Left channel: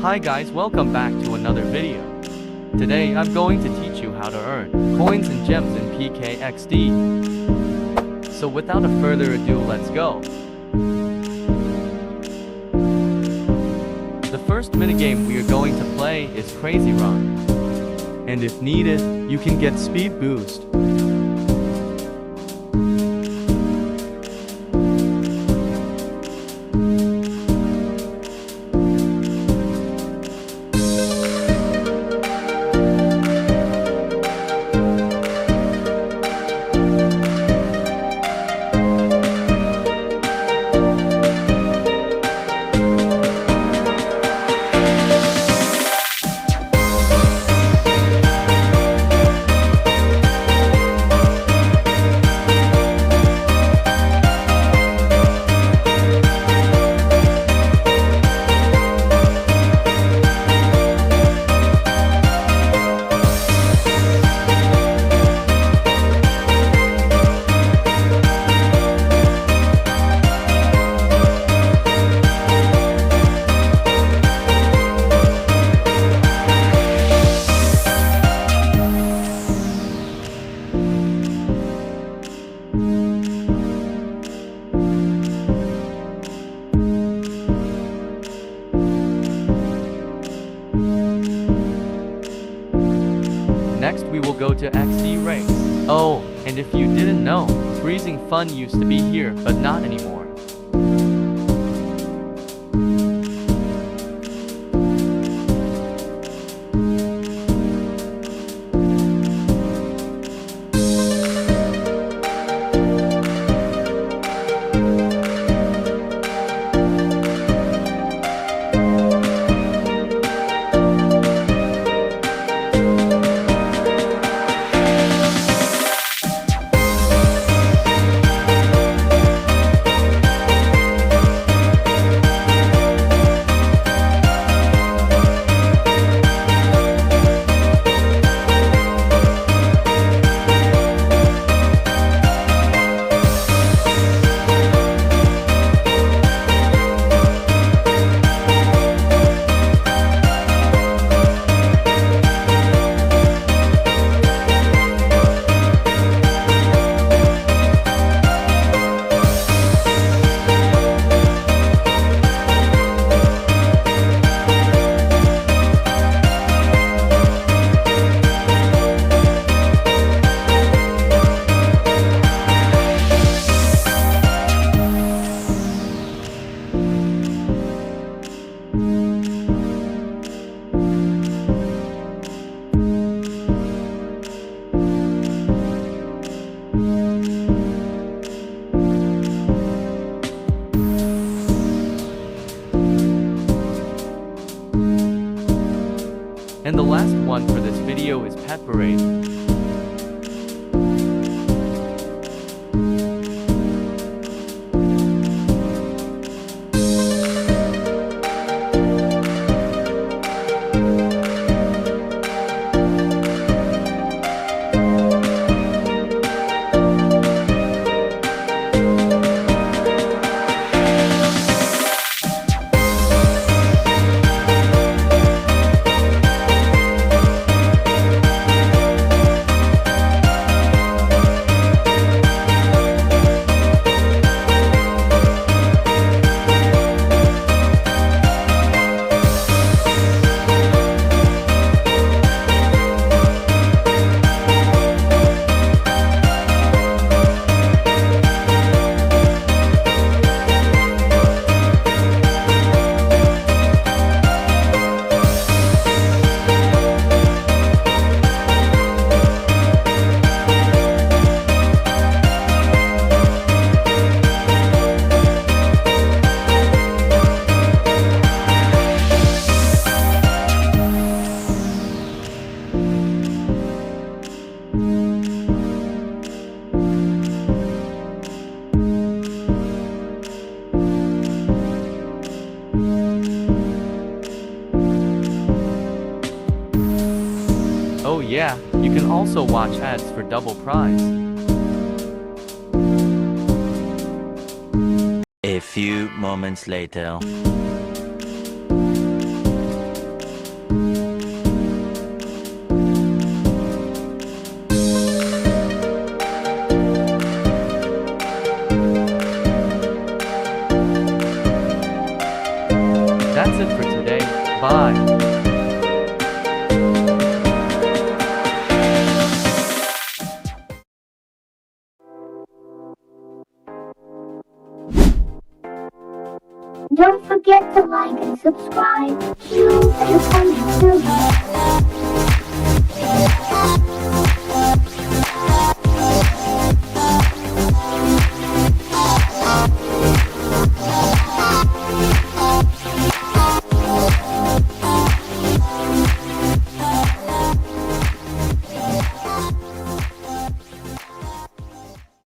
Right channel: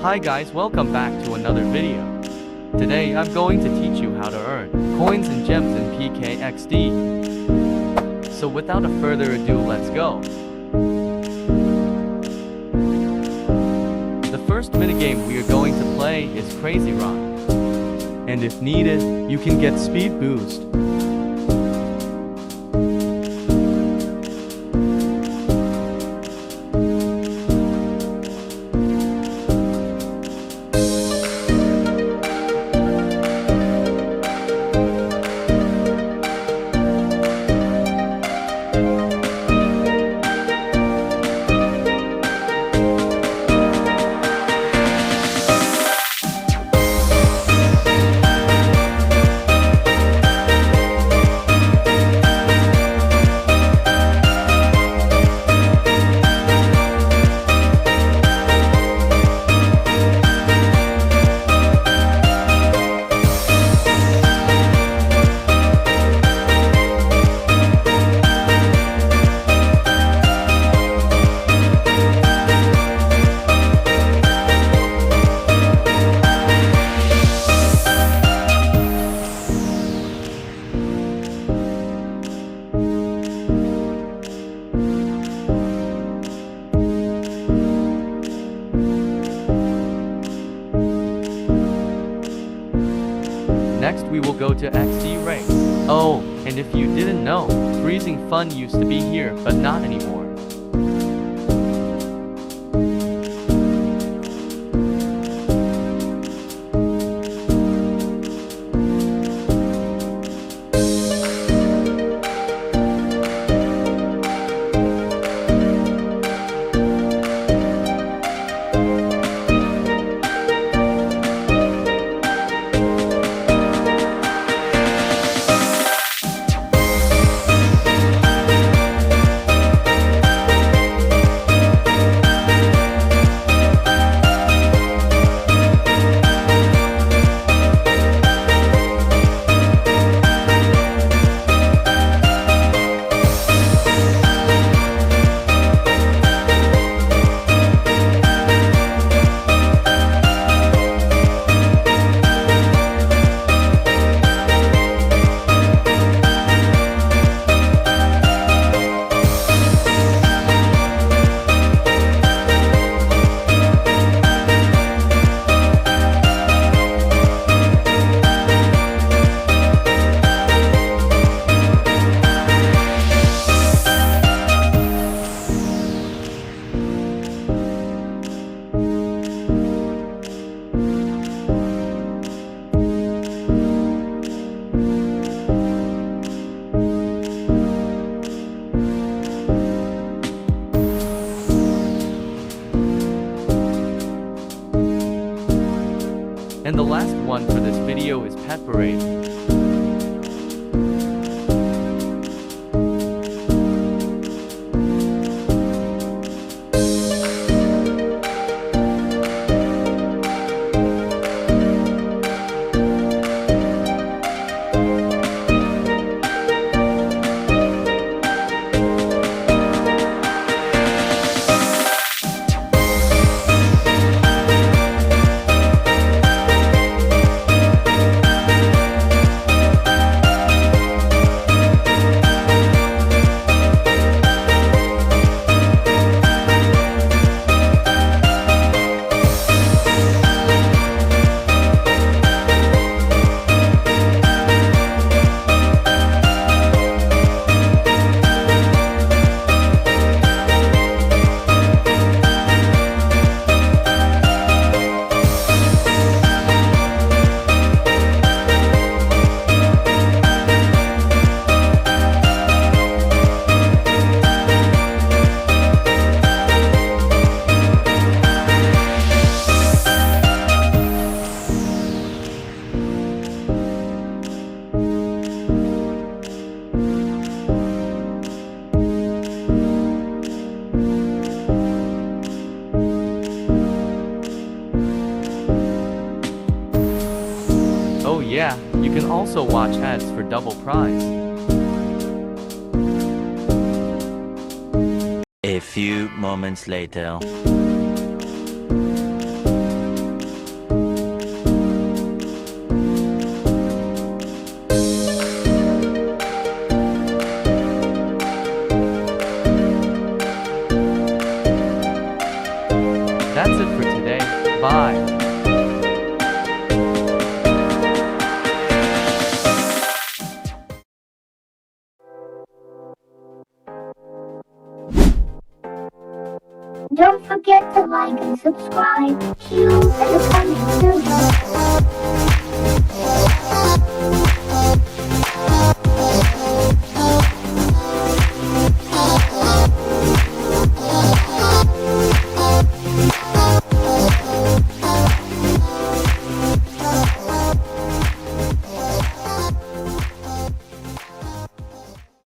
Hi guys, welcome back to another video. Today I'm going to teach you how to earn coins and gems in PKXD. So without a further ado, let's go. The first minigame we are going to play is Crazy Run. And if needed, you can get speed boost. Next we will go to XD race. Oh, and if you didn't know, freezing fun used to be here, but not anymore. And the last one for this video is Pet Parade. Oh yeah, you can also watch ads for double prize. A few moments later. That's it for today. Bye. Don't forget to like and subscribe. See you in the coming soon.